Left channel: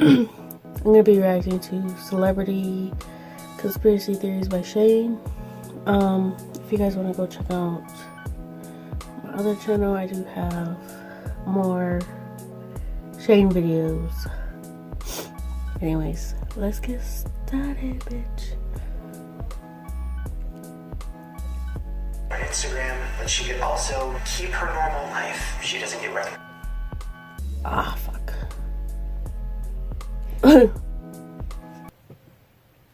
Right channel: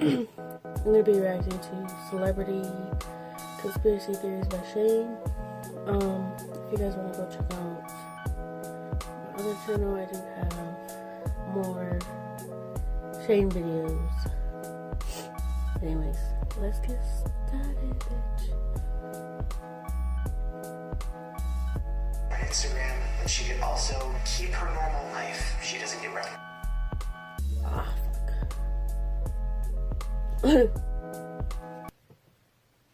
I'm gonna be reacting to Celebrity Conspiracy Theories by Shane. If you guys want to go check out my other channel, I do have more Shane videos. Anyways, let's get started, bitch. On Instagram, but she could also keep her normal life. She doesn't get recognized. Ah, fuck.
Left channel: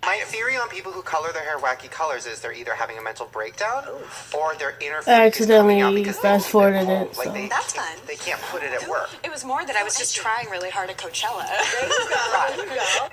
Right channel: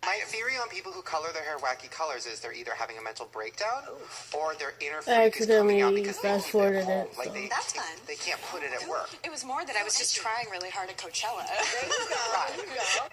My theory on people who color their hair wacky colors is they're either having a mental breakdown or their inner I accidentally fast forwarded it, so. That's fine. They can't put it at work. It was more that I was just trying really hard at Coachella. There you go. There you go.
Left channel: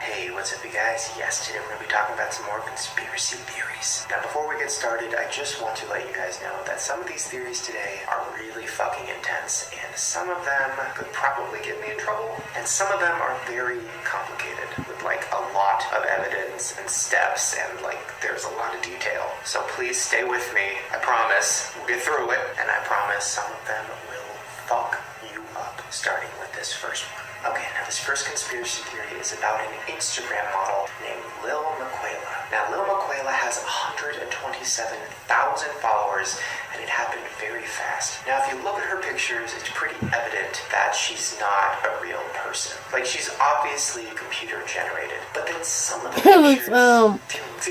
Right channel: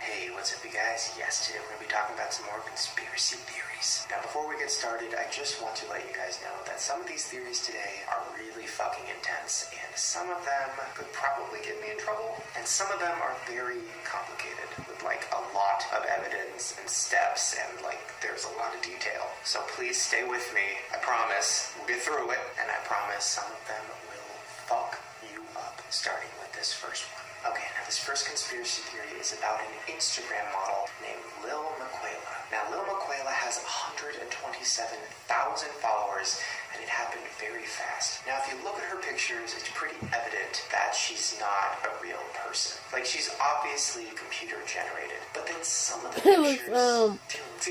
Hey, what's up, you guys? Yes, today we're going to be talking about some more conspiracy theories. Now, before we get started, I just want to let you guys know that some of these theories today are really fucking intense, and some of them could probably get me in trouble, and some of them are very complicated, with like a lot of evidence and steps, and like there's a lot of detail. So please stay with me. I promise we'll get through it, and I promise some of them will fuck you up, starting with this first one. Okay, now this first conspiracy theory is about an Instagram model named Lil Miquela. Now, Lil Miquela has 127,000 followers, and it happened very fast. Now, if you look at her pictures, it's pretty evident that she's not a real person. Like, she's obviously computer generated, but then some of the pictures feel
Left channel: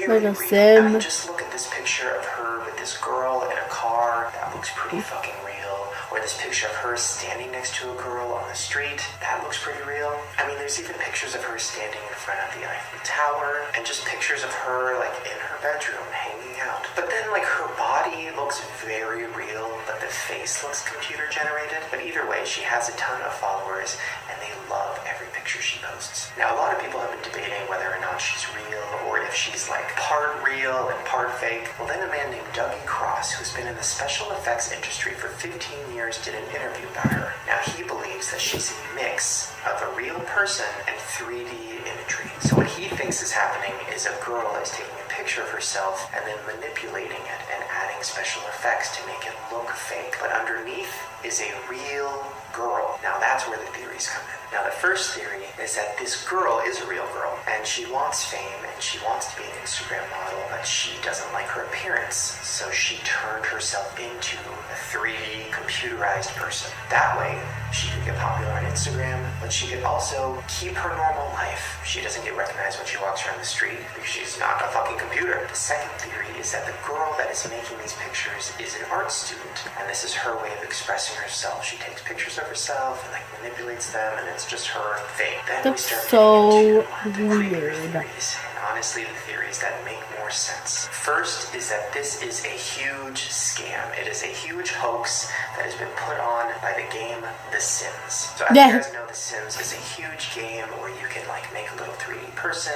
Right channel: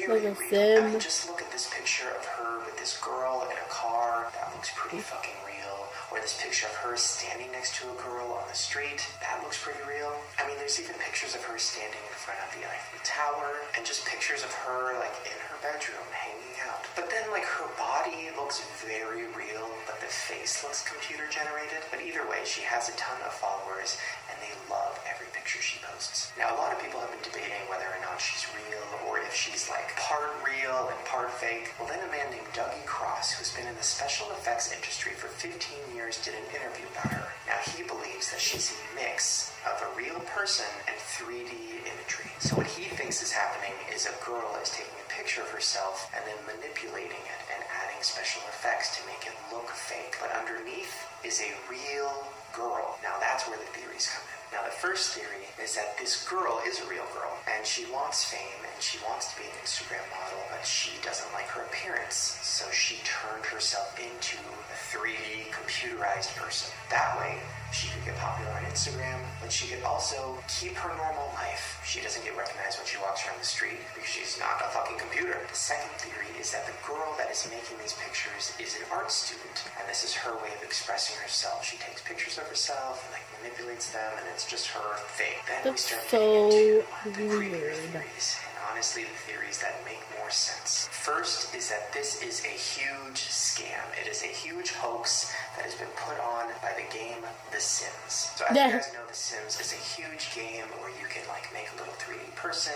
very like a real. sim. I mean, just look at this picture of her with this girl in a car. That looks pretty fucking real. Or this picture of her standing next to a girl on the street. That looks pretty real. I mean, there's even pictures of her standing in front of the Eiffel Tower, and just pictures of her, like, in her bedroom, hanging out. But then, like, her body looks very real, but the face looks computer generated. But either way, she has a ton of followers, and they love every picture she posts. Now, a lot of people have been debating whether or not she's real, or if she's, like, part real and part fake. Well, then a man named Dougie Cross, who's been in the special effects industry for 15 years, did an interview about her. Now, he believes that she's a mix of a real person and 3D imagery. So what he thinks is happening is a girl is taking a picture of herself and then manipulating it and adding special effects to make it look fake. But underneath is a real girl. Now, that's where the theories come in. Now, the first theory is that this girl is a real girl, and she wants fame, and she wants to be an Instagram model, but she doesn't like her appearance, so she turned herself into a 3D computerized person. That way, she could get popular on Instagram, but she could also keep her normal life. She doesn't get recognized when she walks around the street because she's not a fucking computer. The second theory is that the girl that is making these pictures is an art student, and this is her way of expressing herself. She takes pictures of herself and like manipulates them, and it's just her thing. Then That's we start so getting into the creepier weird. theories, and honestly, the theories that make more sense. First is that this is a huge scam. It is a huge hoax that has been put on by the game The Sims. So as you guys know, The Sims is a huge game where you can like make a little 3D person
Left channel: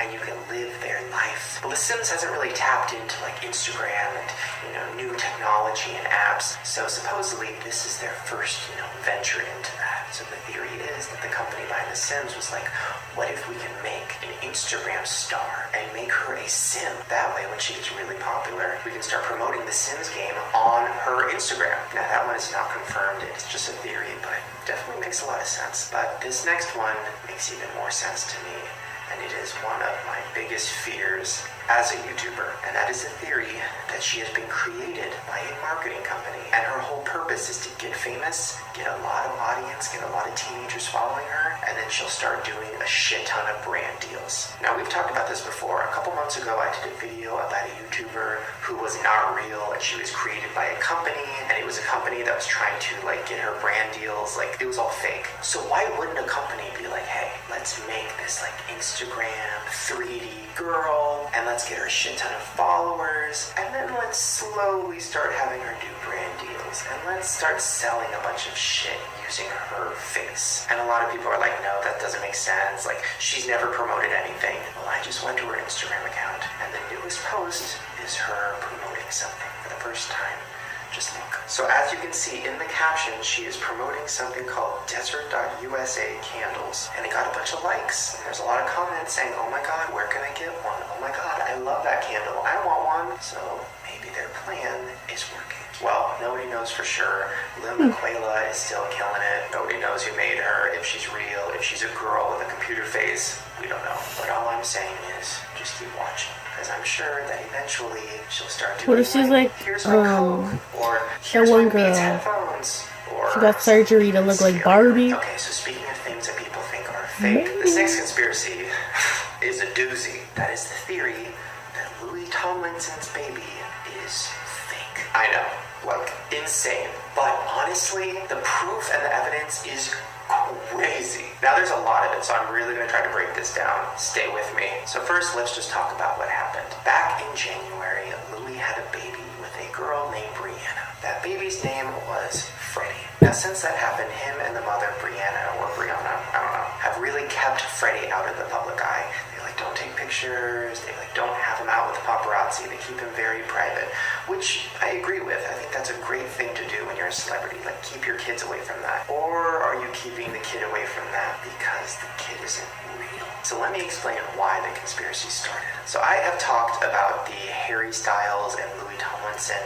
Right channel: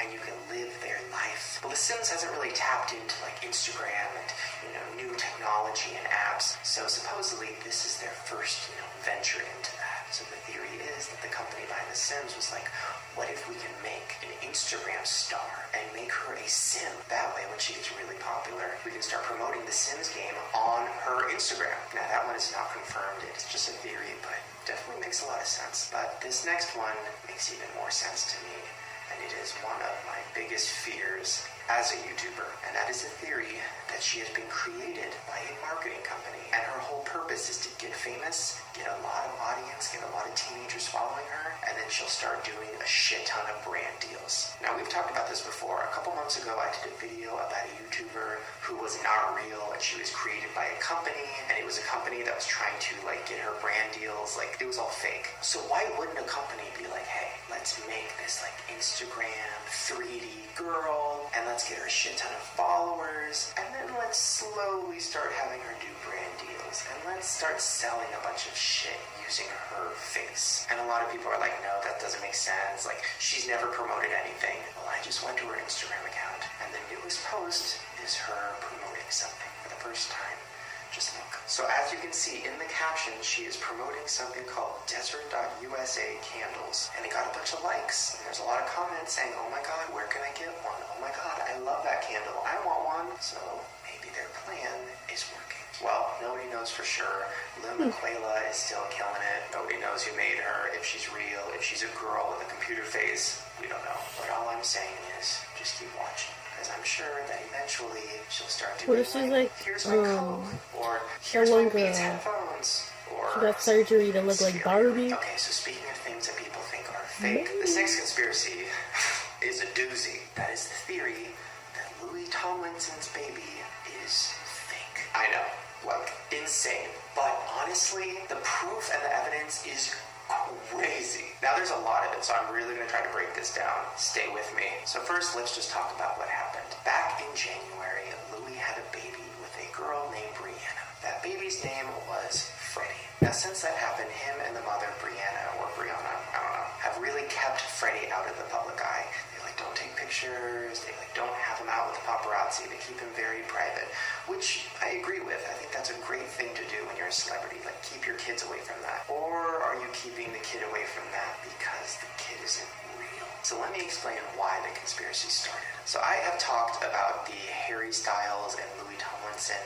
and you can live their life. Well, The Sims hasn't really tapped into like Instagram and, you know, new technology and apps. So supposedly this is their first, venture into that. So the theory is that the company behind The Sims was like, what if we can make an Instagram star and make her a sim? That way, when she gets really popular, we can start promoting the Sims game on her Instagram. Now, that one is not confirmed. It's just a theory, but definitely makes a lot of sense. But this next one makes even more sense to me, and it is one of my biggest fears as a YouTuber, and that is a theory that she has been created by a marketing company, and her whole purpose is to get famous, get a lot of audience, get a lot of teenagers following her, and then she'll start doing a shit ton of brand deals. Now, we've talked about this before. A couple months ago, I did a video about a YouTuber who was not real, and she was created by a company, and it was a company that was trying to like get her brand deals. Like, it was all fake. So why wouldn't a company be like, hey, let's make this like Instagram 3D girl, and let's get her a shit ton of followers, and then let's slowly start having her do brand deals, and let's start selling a bunch of shit using her face. And a lot of people are like, no, that doesn't make sense. Like, she's never promoted anything. Well, I just went to her Instagram account, and the newest post is her promoting something for the first time. Just look. So as you can see in the caption, she is promoting something called Desert.USA candles, and it got a bunch of likes, and there's a lot of comments saying, oh my god, where can I get one? Oh my god, I love that candle, I want one. So maybe their plan is working. Well, nobody knows for sure. Lynn McQuayla is still killing it. Nobody knows who made her, if she's real, if she's a girl with a computer face. We don't know. But all I'm saying is, just keep watching. Because I'm sure that eventually she'll start doing, what if she's like, here's my Coke, or here's that one my Beats girl, headphones, or she got surgery to look like Barbie? Okay, so speaking of things that people think are fake, the sex conspiracy is a doozy. That is the theory that Louis Tomlinson's baby is fake. I know, like, insane. But honestly, the proof and the evidence is crazy. Now there's a lot of it, so I'm really going to try to break this down. Stay with me. So first, let's just talk about what happened. Back in January, Louis had a baby with a girl named Brianna. That baby's name was Freddie. Now since that happened, him and the mother, Brianna, or Brianna, I don't know, have really kept Freddie out of the public eye. They don't take pictures, they don't have him out with the paparazzi, they keep him very private, which I agree with. I think that's a great thing to do when you're a celebrity, like keep your kids away from that. Or are you keeping the kid away from that because the kid isn't real? So let me explain why the conspiracy started. So I have talked about the Harry Styles and Louis Tomlinson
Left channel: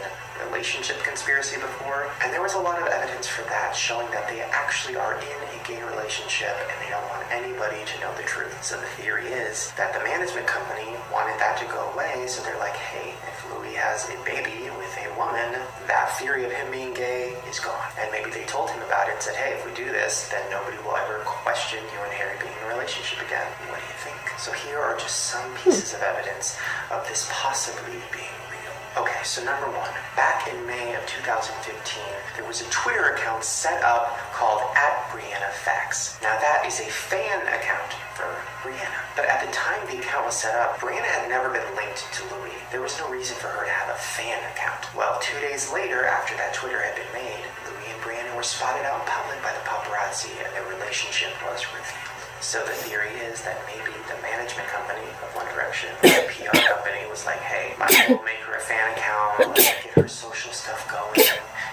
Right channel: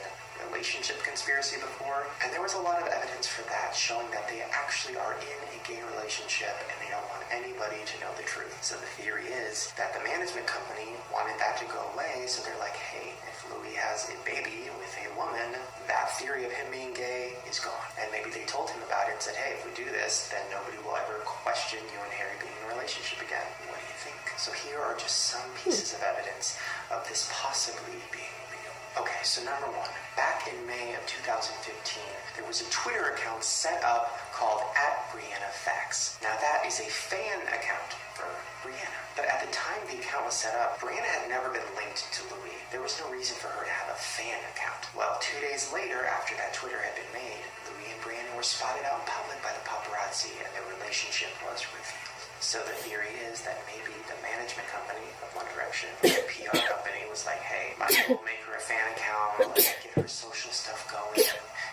relationship conspiracy before, and there was a lot of evidence for that showing that they actually are in a gay relationship and they don't want anybody to know the truth. So the theory is that the management company wanted that to go away, so they're like, hey, if Louis has a baby with a woman, that theory of him being gay is gone. And maybe they told him about it and said, hey, if we do this, then nobody will ever question you and Harry being in a relationship again. What do you think? So here are just some pieces of evidence of this possibly being real. Okay, so number one, back in May of 2015, there was a Twitter account set up called @BriannaFacts. Now that is a fan account for Brianna. But at the time the account was set up, Brianna had never been linked to Louis. There was no reason for her to have a fan account. Well, 2 days later, after that Twitter had been made, Louis and Brianna were spotted out in public by the paparazzi and their relationship was revealed. So the theory is that maybe the management company of One Direction, the PR company, was like, hey, might as well make her a fan account, let's get her social stuff going,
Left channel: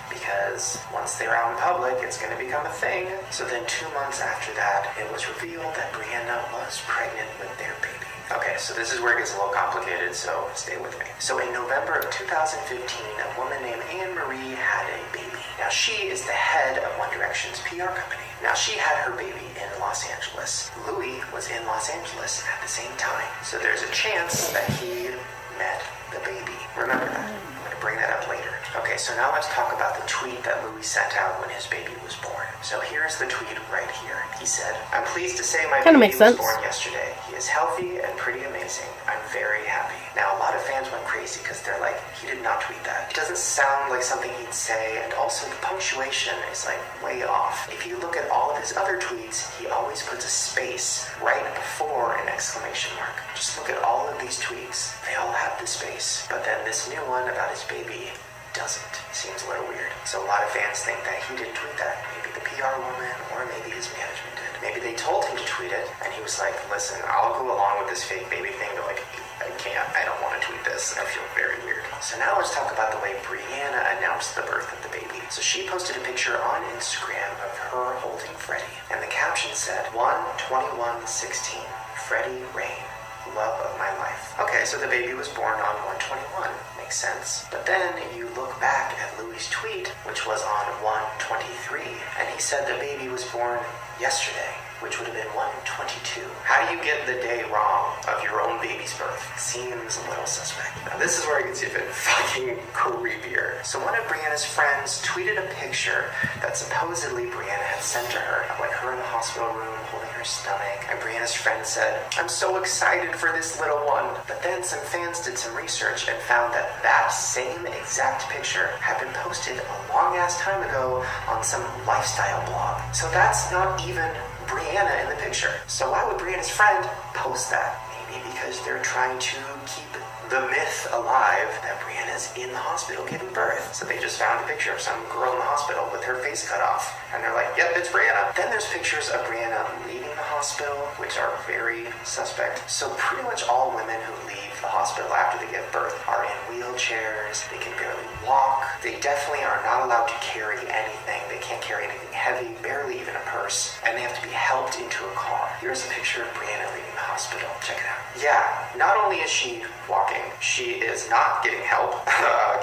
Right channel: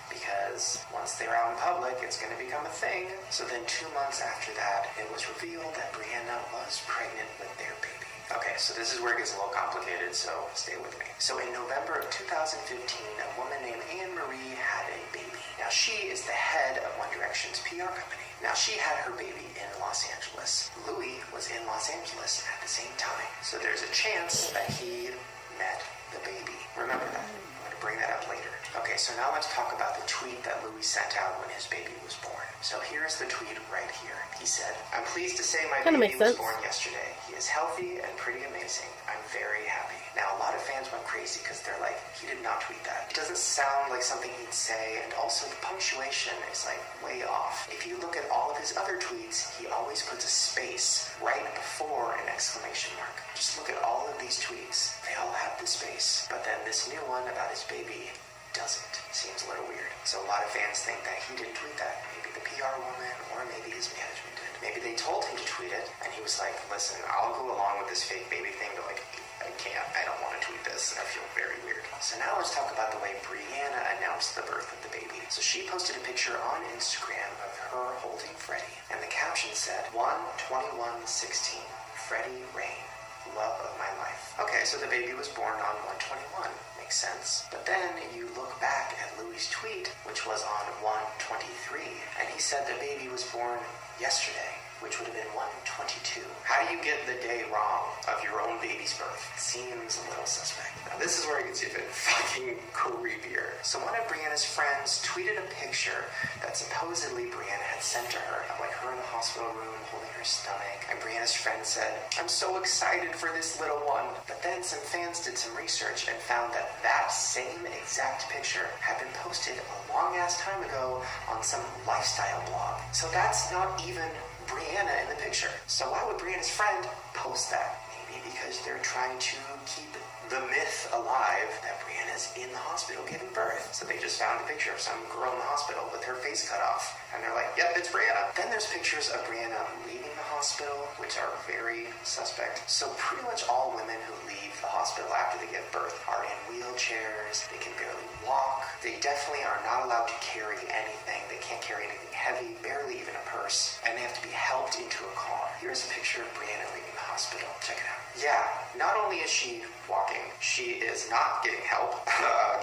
because once they're out in public, it's going to become a thing. So then 2 months after that, it was revealed that Brianna was pregnant with their baby. Okay, so this is where it gets a little complicated, so stay with me. So in November of 2015, a woman named Anne Marie had a baby. Now she is the head of One Direction's PR company. Now she had her baby in Los Angeles. Louis was in Los Angeles at the same time. So there's a chance that he met the baby. Remember that. I'm going to bring that up later. Okay, so now let's talk about the tweet that Louis sent out when his baby was born. So here's the tweet right here. He said, I'm pleased to say my baby was born yesterday. He is healthy and pretty amazing. I'm very happy. Now, a lot of fans went crazy because they're like, he did not tweet that. It doesn't sound like something he'd say, and also the punctuation is like way off. If you look at all of his other tweets, he always puts a space right before an exclamation mark. Just look at all of these tweets. They all have the space. But then this new one about his baby doesn't. Seems a little weird. So a lot of fans think that he didn't tweet that. Maybe the PR woman, or maybe his management did. Maybe they told him to tweet it, and he was like, listen, I'll go along with this fake baby thing, but like, I can't. I don't want to tweet this. I feel very weird. So now let's talk about the way Brianna announced the birth of the baby. So she posted a picture on Instagram of her holding Freddie, and the caption said, 1/21/16, Freddie Rain, love of my life. Okay, so the baby was born on 1/21. Makes sense. But then you look back at Louis' tweet, which was on 1/23, and he said the baby was born yesterday, which would have been 1/22. How do you get the day wrong of your own baby's birth? Seems a little suspect. Now this is where it gets even fucking creepier. So one of Brianna's friends tweeted a picture that supposedly Brianna had sent to her of like her in the hospital room holding her stomach, and Brianna's friend said, I'm so excited for this little one. But then some fans did some research and found that that same exact picture had been posted a long ass time ago on some lifestyle blog. So that's not even Brianna in the picture. So why would Brianna's friend post that? Maybe because they're trying to keep the myth alive that Brianna's in the hospital giving birth. So they just found a picture of some girl in the hospital with her face cut off. And they're like, yep, it's Brianna. Then there's pictures of Brianna leaving the hospital, which are very suspect. So pretty much all women who leave the hospital after they give birth are in wheelchairs. They can barely walk. They definitely are not allowed to carry anything. They can't carry anything heavy, barely even a purse. And they have to be helped into a car. Here's a picture of Brianna leaving the hospital. Check it out. Yeah, not only is she walking, she is not getting help.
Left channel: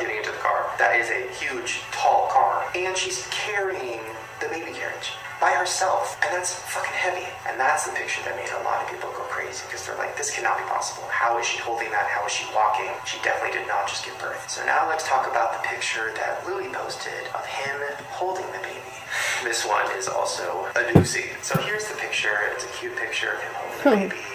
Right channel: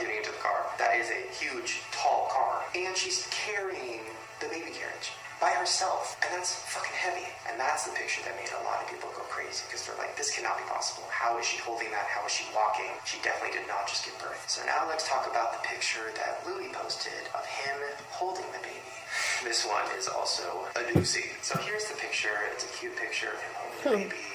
getting into the car. That is a huge, tall car. And she's carrying the baby carriage by herself. And that's fucking heavy. And that's the picture that made a lot of people go crazy, because they're like, this cannot be possible. How is she holding that? How is she walking? She definitely did not just give birth. So now let's talk about the picture that Louis posted of him holding the baby. This one is also a doozy. So here's the picture. It's a cute picture of him holding the baby.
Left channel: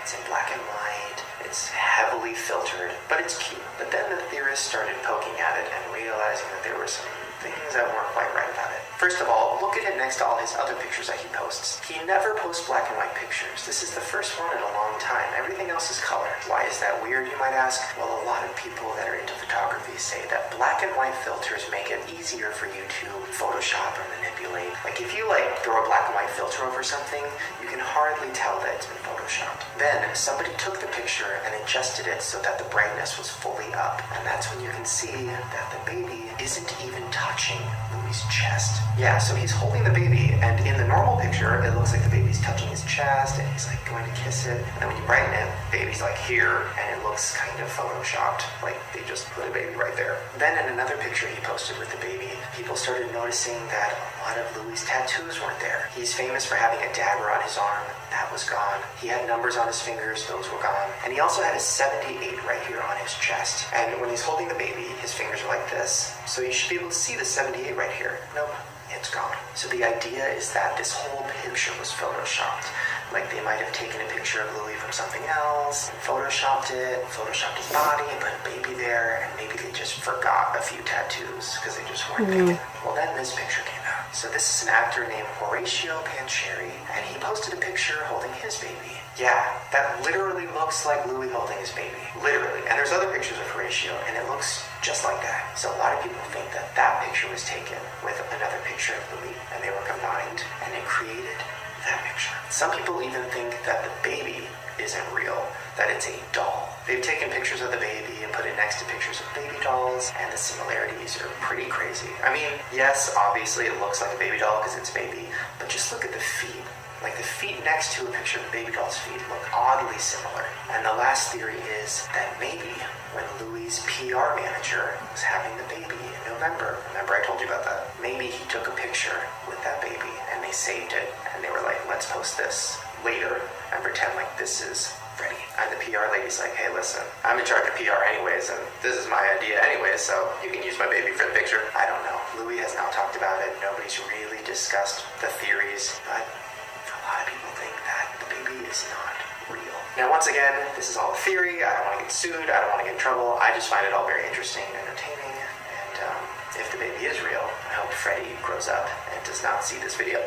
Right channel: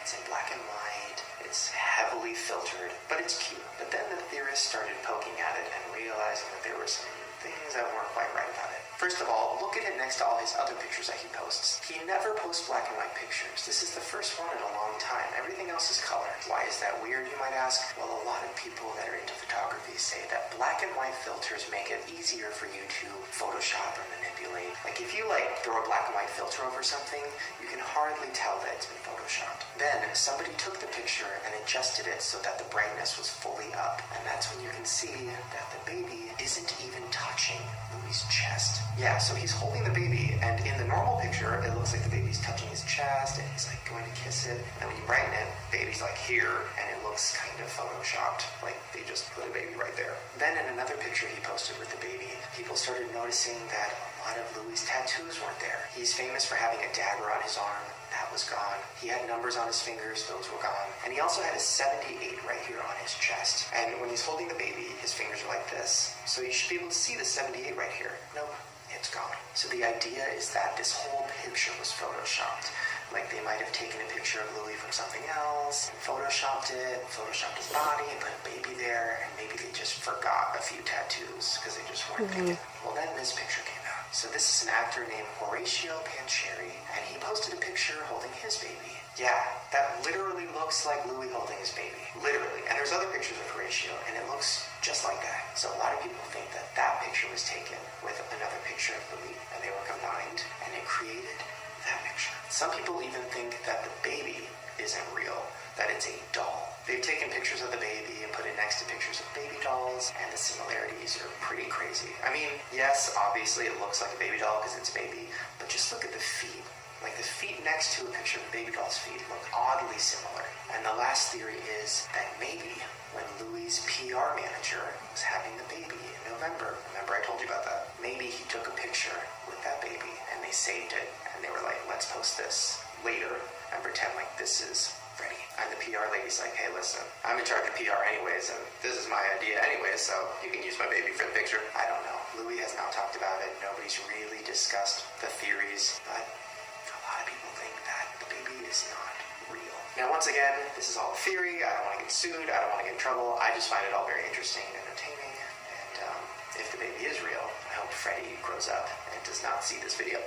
It's in black and white. It's heavily filtered, but it's cute. But then the theorists started poking at it and realizing that there were some things that weren't quite right about it. First of all, look at it next to all his other pictures that he posts. He never posts black and white pictures. This is the first one in a long time. Everything else is color. Why is that weird, you might ask? Well, a lot of people that are into photography say that black and white filters make it easier for you to Photoshop or manipulate. Like if you throw a black and white filter over something, you can hardly tell that it's been Photoshopped. Then somebody took the picture and adjusted it so that the brightness was fully up. And that's when you can see that the baby isn't even touching Louis' chest. Yeah, so he's holding the baby, and in the normal picture, it looks like the baby's touching his chest, and he's going to kiss it. And then when you brighten it, baby's here, and it looks kind of Photoshopped, like they just put a baby right there. Then in another picture he posted with the baby, people started noticing that a lot of Louis' tattoos weren't there. He's famous for having a dagger on his arm. That was gone. He had numbers on his fingers. Those were gone. And he also had a 78 right here on his chest. And when he's holding the baby, his fingers are like this. So you should be able to see the 78 right here. Nope, it's gone. So the idea is that this whole picture was Photoshopped. Like they might have taken a picture of Louis from something else, and Photoshopped his body, and put a baby there, and maybe they just forgot a few tattoos because they just weren't thinking. Well, then this picture came out. So this is an actor named Horatio Pancheri, and he posted a picture holding his baby. Yeah, that literally looks like Louis holding his baby. Literally. And there's other pictures of Horatio, and it looks just like that. So a lot of people think that that picture was taken with another picture of Louis, and they were combined, and it created that picture. Some people even think that the baby isn't real, that it's a doll. They've taken pictures of the baby and put it next to pictures of baby dolls, and the similarities are pretty crazy. I mean, yes, obviously it looks like a baby doll because it's baby, but just look at the feet. Like the feet next to a picture of baby doll's feet look oddly similar. And the last theory is that maybe when Louis' PR manager was having the baby in November, remember I told you about that? Maybe he took a picture with that baby and they saved it, and they were like, let's post this later and pretend like this is ready. And the PR lady's like, hey, listen, I'm in charge of PR anyways, and this is my idea anyways, so you can use my baby for the picture. I don't know. Louis has not talked about it. Nobody's really discussed the theories, but a lot of people think that the baby is not real. Now, once again, this is all a theory. I don't want to get sued. I don't want to get in trouble. I just find it all very interesting and entertaining. And if the baby is real, I hope Freddie grows up and does not see this video.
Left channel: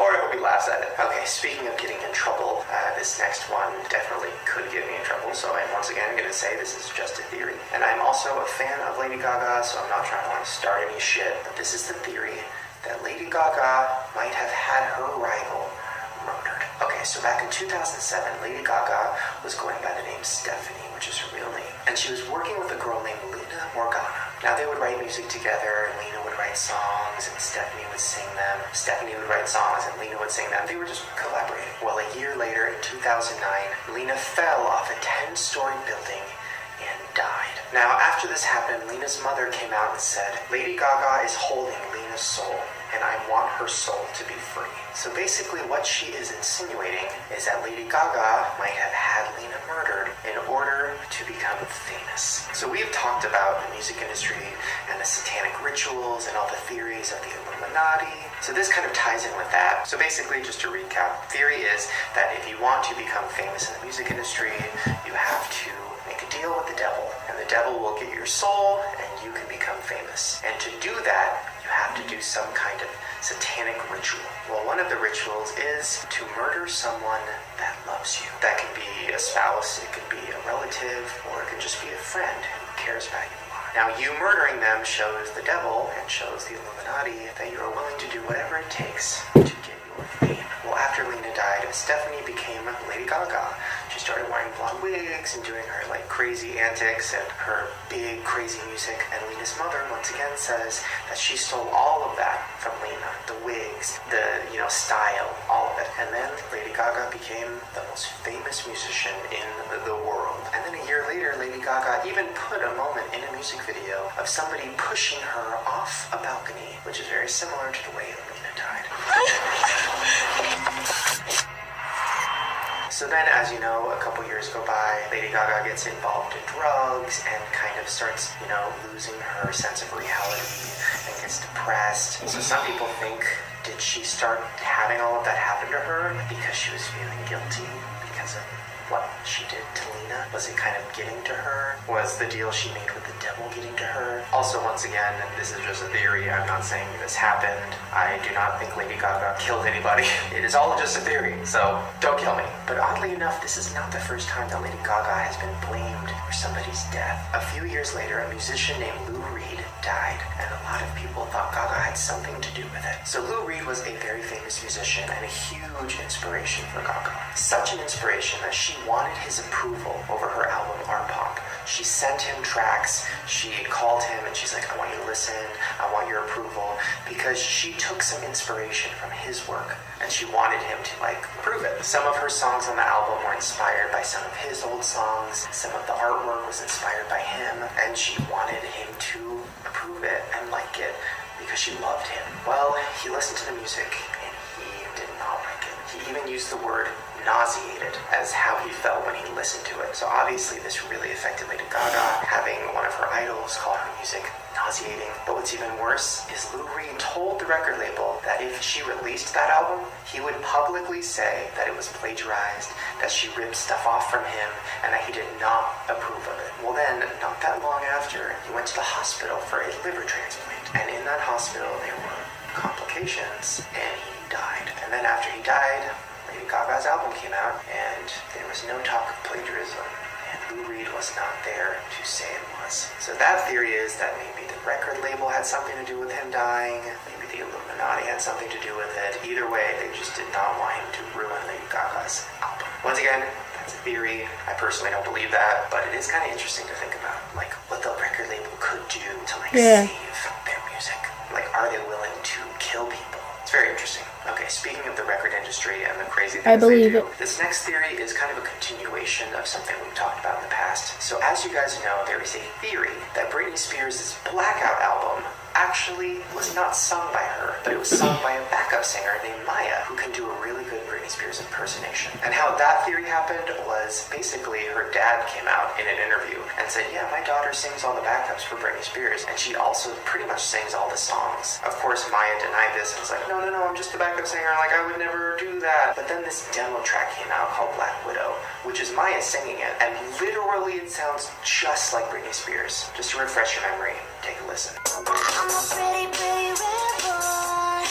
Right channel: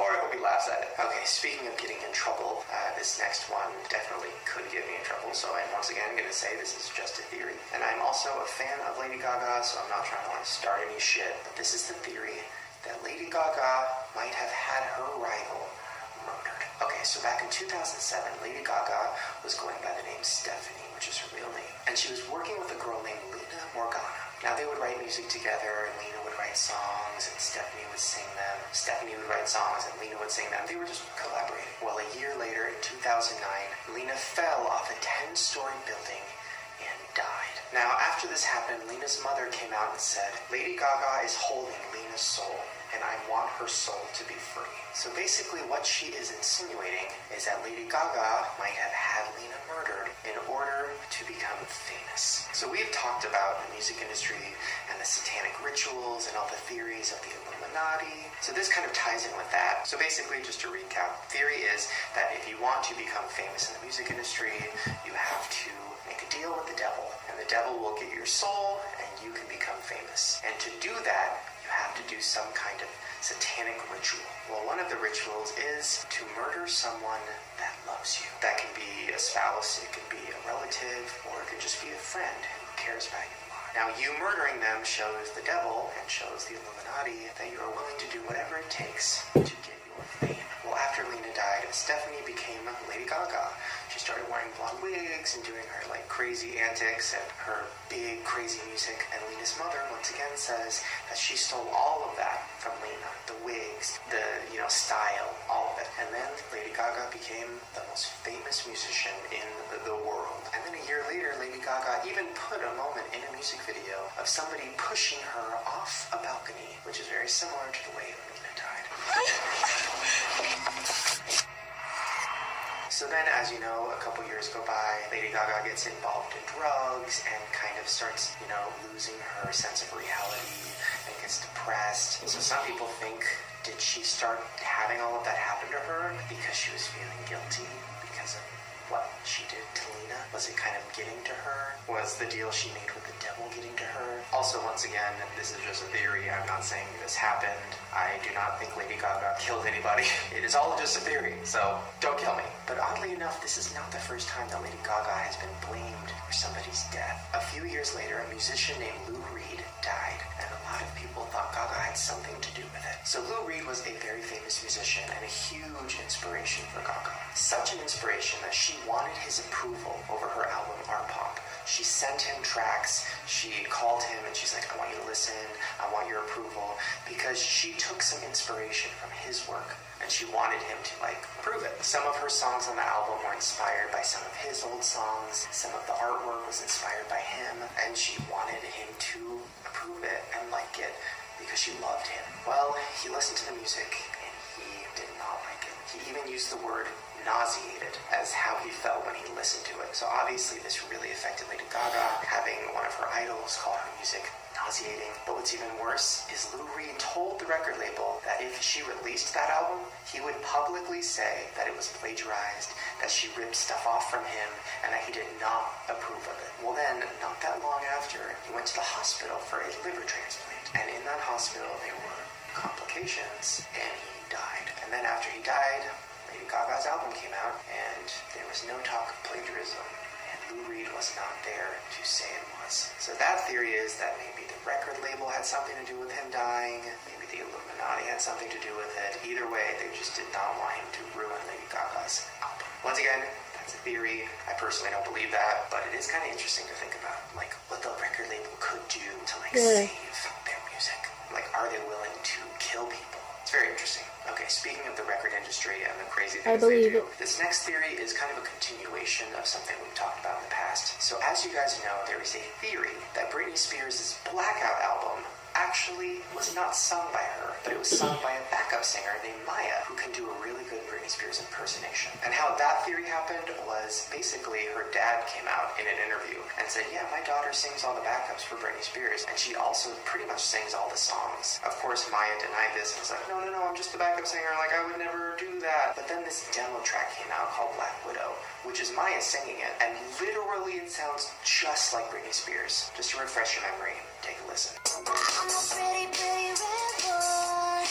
Or I hope he laughs at it. Okay, speaking of getting in trouble, this next one definitely could get me in trouble. So I'm once again going to say this is just a theory. And I'm also a fan of Lady Gaga, so I'm not trying to start any shit. But this is the theory that Lady Gaga might have had her rival murdered. Okay, so back in 2007, Lady Gaga was going by the name Stephanie, which is her real name. And she was working with a girl named Lina Morgana. Now they would write music together, and Lina would write songs, and Stephanie would sing them. Stephanie would write songs, and Lina would sing them. They were just collaborating. Well, a year later, in 2009, Lina fell off a 10-story building and died. Now, after this happened, Lina's mother came out and said, Lady Gaga is holding Lina's soul, and I want her soul to be free. So basically what she is insinuating is that Lady Gaga might have had Lina murdered in order to become famous. So we've talked about the music industry and the satanic rituals and all the theories of the Illuminati. So this kind of ties in with that. So basically, just to recap, theory is that if you want to become famous in the music industry, you have to make a deal with the devil, and the devil will get your soul and you can become famous. And to do that, you have to do some kind of satanic ritual. Well, one of the rituals is to murder someone that loves you. That can be a spouse, it can be a relative, or it can just be a friend who cares about you a lot. Now, you murdering them shows the devil and shows the Illuminati that you are willing to do whatever it takes to get your fame. Well, after Lina died, Stephanie became Lady Gaga. She started wearing blonde wigs and doing her crazy antics and her big crazy music. And Lina's mother once again says that she stole all of of that from Lena. The wigs, the, style, all of it. And then Lady Gaga became the most famous musician in the world. And then a year later, Lady Gaga even put a moment in a music video of somebody pushing her off a balcony, which is very similar to the way Lena died. So then, as you know, a couple years go by, Lady Gaga gets involved in drugs and kind of starts, losing her sense of reality and gets depressed. So some people think, did she start having all of that happen to her because she was feeling guilty because of what she did to Lena? Was it kind of getting to her? Was the deal she made with the devil getting to her? Also, once again, this is just a theory. I'm not saying this happened. I do not think Lady Gaga killed anybody. It is all just a theory, so don't kill me. But oddly enough, this is not the first time that Lady Gaga has been blamed for somebody's death. A few years later, a musician named Lou Reed died, and a lot of people thought Gaga had something to do with it. So Lou Reed was a very famous musician and a huge inspiration for Gaga. Such an inspiration that she wanted his approval over her album Art Pop. She sent him tracks, she called him and she's like, I want you to listen, I want your approval, because she took some inspiration from his work and she wanted him to approve it. Some of her songs on the album were inspired by some of his old songs, some of the artwork was inspired by him, and she wanted him to approve it and like it because she loved him. Well, he listened to the music and he did not like it. He even used the word nauseated as how he felt when he listened to it. So obviously this really affected Lady Gaga, having one of her idols call her music nauseating. But what's even worse is Lou Reed told the record label that if she released that album, he would publicly say that it was plagiarized, that she ripped stuff off from him, and that he did not approve of it. Well then, not that long after, he went to the hospital for a liver transplant. And in that hospital, there were complications, and he died. And then after he died, Lady Gaga's album came out, and there was no talk of plagiarism, and Lou Reed was not there to say it was. So that theory is that maybe the record label had something to do with him dying, maybe the Illuminati had something to do with it. Either way, they just did not want him to ruin Lady Gaga's album. Once again, that's a theory. I personally don't believe that, but it is kind of interesting to think about, what the record label could do to, save their music. Are they willing to kill people? It's very interesting. Okay, speaking of the record industry and the crazy things they do, this next theory is kind of a continuation of something we've talked about in the past. So as you guys know, there is a theory that Britney Spears' Blackout album actually was not sung by her, but it was sung by a backup singer named Maya, who can do a really good Britney Spears impersonation. And how that theory happened was basically her dad came out in an interview and said, yeah, my daughter sings all the backups for Britney Spears, and she also pretty much sings all the songs. Of course, Maya denied this and was like, no, I'm just the backup singer, I would never do that. But then this demo track came out called Black Widow, which is Maya singing it, and literally it sounds just like Britney Spears. Just to refresh your memory, take a listen. I'm a pretty, pretty reborn.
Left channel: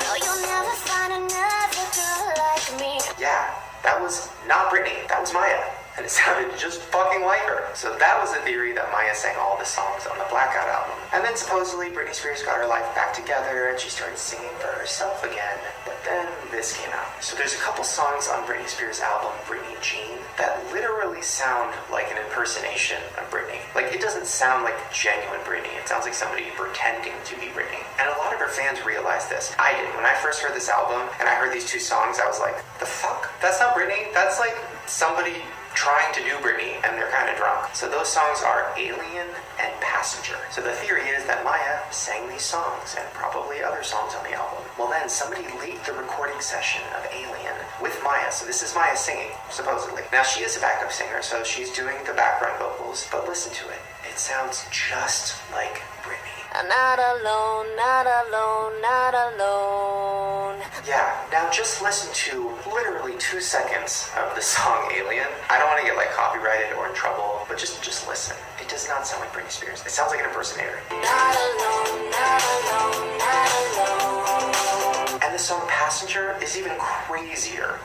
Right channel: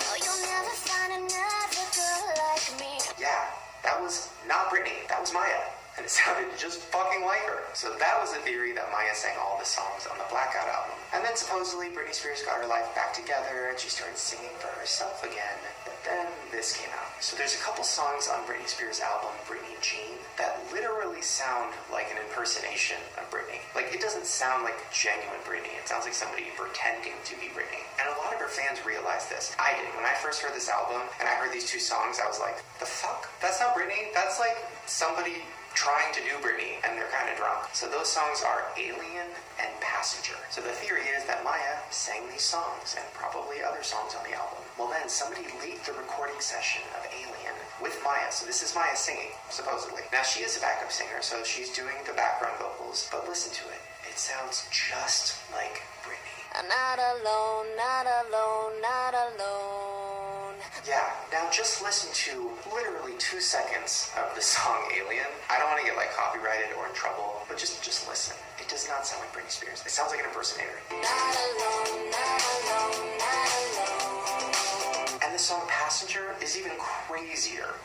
No, you'll never find another girl like me. Yeah, that was not Britney, that was Maya. And it sounded just fucking like her. So that was a theory that Maya sang all the songs on the Blackout album. And then supposedly Britney Spears got her life back together and she started singing for herself again. But then this came out. So there's a couple songs on Britney Spears' album, Britney Jean, that literally sound like an impersonation of Britney. It doesn't sound like genuine Britney. It sounds like somebody pretending to be Britney. And a lot of her fans realized this. I did. When I first heard this album and I heard these two songs, I was like, the fuck? That's not Britney. That's somebody trying to do Britney, and they're kind of drunk. So those songs are Alien and Passenger. So the theory is that Maya sang these songs, and probably other songs on the album. Well then, somebody leaked the recording session of Alien with Maya. So this is Maya singing, supposedly. Now she is a backup singer, so she's doing the background vocals, but listen to it. It sounds just like Britney. I'm not alone, not alone, not alone. Yeah, now just listen to literally 2 seconds of the song Alien. I don't want to get copyrighted or in trouble, but just listen. It does not sound like Britney Spears. It sounds like an impersonator. Not alone, not alone, not alone. And the song Passenger is even crazier.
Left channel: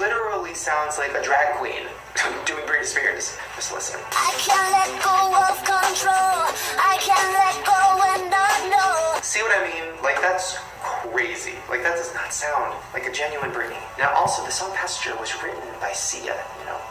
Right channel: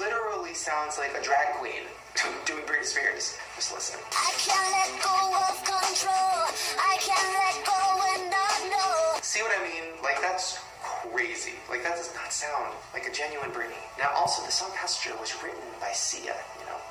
Literally sounds like a drag queen doing Britney Spears. Just listen. I can't let go of control. I can't let go and not know. See what I mean? That's crazy. Like, that does not sound like a genuine Britney. Now, also, the song Passenger was written by Sia.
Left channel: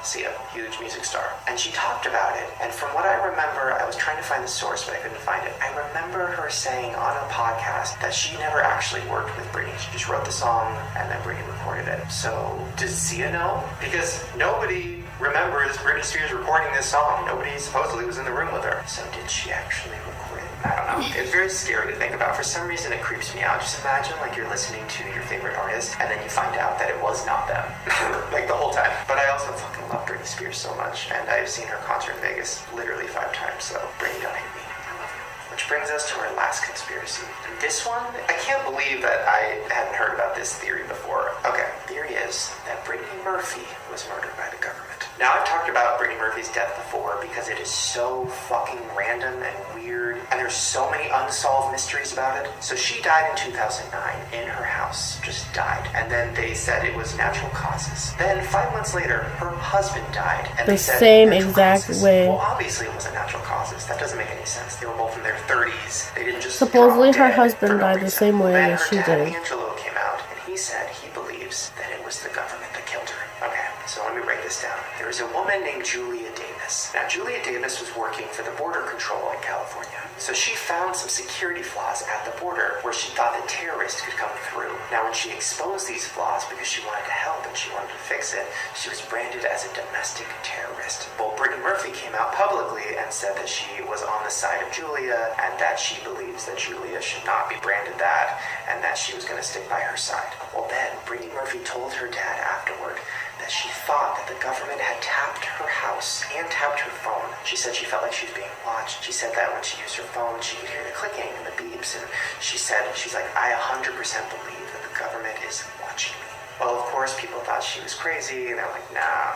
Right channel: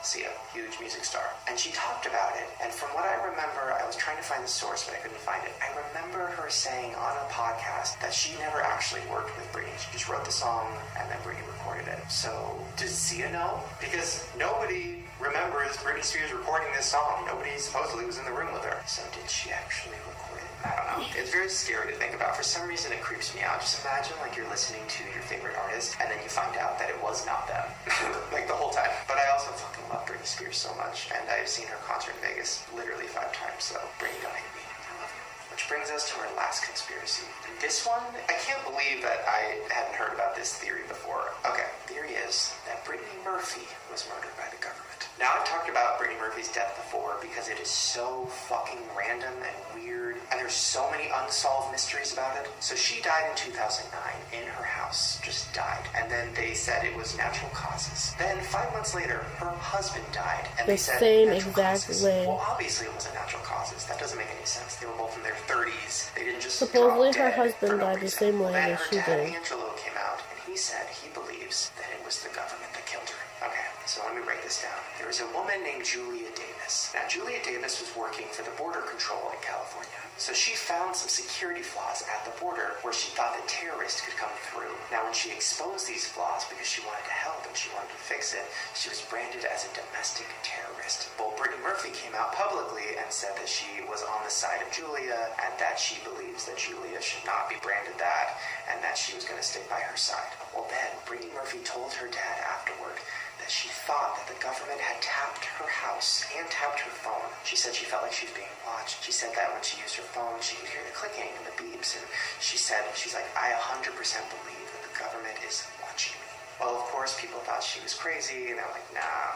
Sia, huge music star. And she talked about it, and from what I remember, I was trying to find the source, but I couldn't find it. I remember her saying on a podcast that she never actually worked with Britney. She just wrote the song, and then Britney recorded it. So, does Sia know? Because nobody remembers Britney Spears recording this song. Nobody supposedly was in the room with her. So, did she actually record it? I don't know. It's very scary to think about. For some reason, it creeps me out. Just imagine, like, you're listening to your favorite artist, and then you find out that it was not them. Like, the whole time. But I also fucking love Britney Spears so much, and I've seen her concert in Vegas literally 5 times, so Britney, don't hate me. I love you. Which brings us to our last conspiracy. This one, I can't believe that I hadn't heard about this theory before. Okay, theory is that Brittany Murphy was murdered by the government. Now, I've talked about Brittany Murphy's death before because it is so fucking random and weird, and there's so many unsolved mysteries about it. So she died in 2009 in her house, just died, and then they said it was natural causes. Then 5 months later, her husband died, and they said same natural exact causes. way. Well, obviously it wasn't natural causes. That doesn't make any sense. They were both in their 30s. They didn't just Supposedly drop her dead husband for no died the reason. same way Then as her she dad, did. Angelo, came out, and he said he believes that it was the government that killed her. Okay, so let me break this down. There is a woman named Julia Davis. Now, Julia Davis was working for the Border Control in California. So she found some security flaws at the border where she thought that terrorists could come through. Now, when she exposed these flaws because she wanted to help and she wanted to fix it, she was branded as a domestic terrorist. Well, Brittany Murphy came out publicly and said that she was on the side of Julia and that she believes that Julia should not be branded that and that she was going to stick by her side. Well, then Brittany Murphy told her dad afterward that she thought that the government had tapped her house and tapped her phone. She said she felt like she was being watched. She said that when she used her phone, she could hear the clicking and the beeps. And she's like, I 100% believe that the government is watching me. Well, of course, people thought she was crazy, and they're like, nah.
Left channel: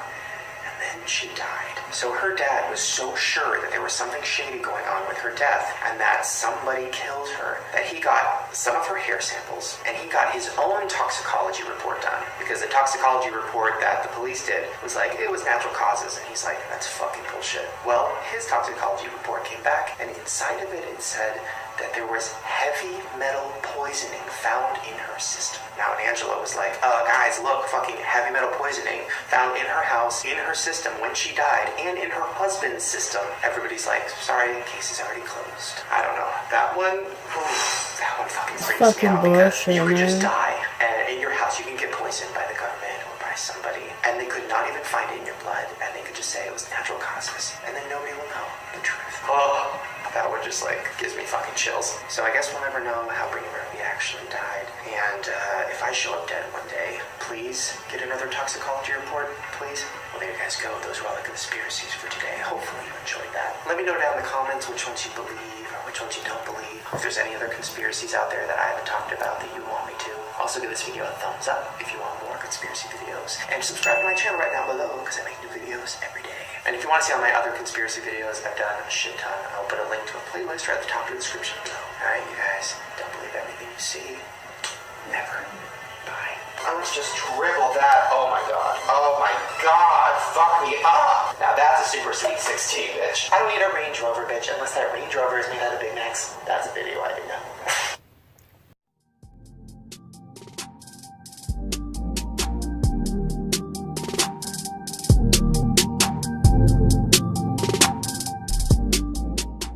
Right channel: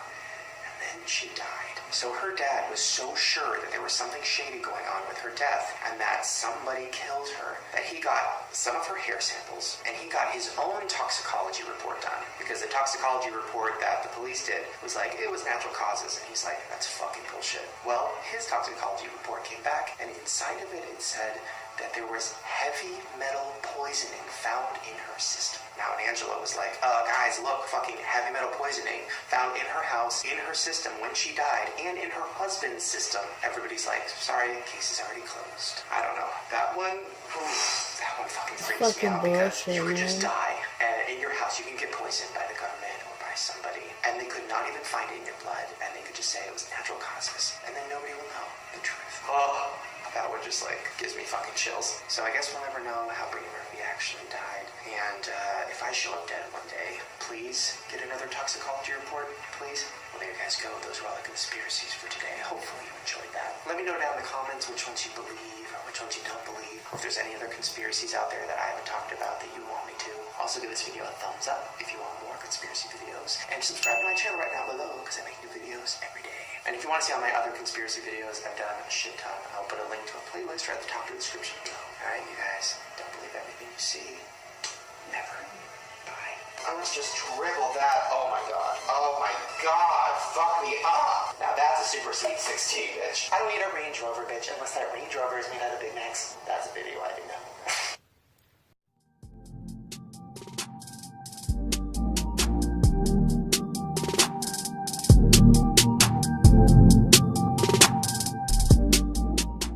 And then she died. So her dad was so sure that there was something shady going on with her death and that somebody killed her that he got some of her hair samples and he got his own toxicology report done, because the toxicology report that the police did was like, it was natural causes, and he's like, that's fucking bullshit. Well, his toxicology report came back, and inside of it, it said that there was heavy metal poisoning found in her system. Now, and Angela was like, guys, look, fucking heavy metal poisoning found in her house, in her system when she died, and in her husband's system. Everybody's like, sorry, case is already closed. I don't know. That one fucking freaks me out, because you could just die, and in your house you can get poisoned by the government or by somebody, and they could not even find it in your blood, and they could just say it was natural causes, and then nobody will know the truth. Oh, that one just gives me fucking chills. So I guess we'll never know how Brittany Murphy actually died. And if I show up dead one day, please get another toxicology report, please. Well, there you guys go. Those were all the conspiracies for today. Hopefully you enjoyed that. Let me know down in the comments which ones you believe or which ones you don't believe. If there's any other conspiracies out there that I haven't talked about that you want me to. Also give this video a thumbs up if you want more conspiracy videos. And subscribe to my channel right down below because I make new videos every day. And if you want to see all my other conspiracy videos, I've done a shit ton. I'll put a link to a playlist right at the top of the description below. Alright, you guys, don't believe everything you see. Never. Bye. I was just dribble that. Oh my god. Oh my god. Fuck me up. Now that's a Super Sweet 16, bitch. I don't need a Range Rover, bitch, unless that Range Rover is made out of Big Macs. That's a video I do.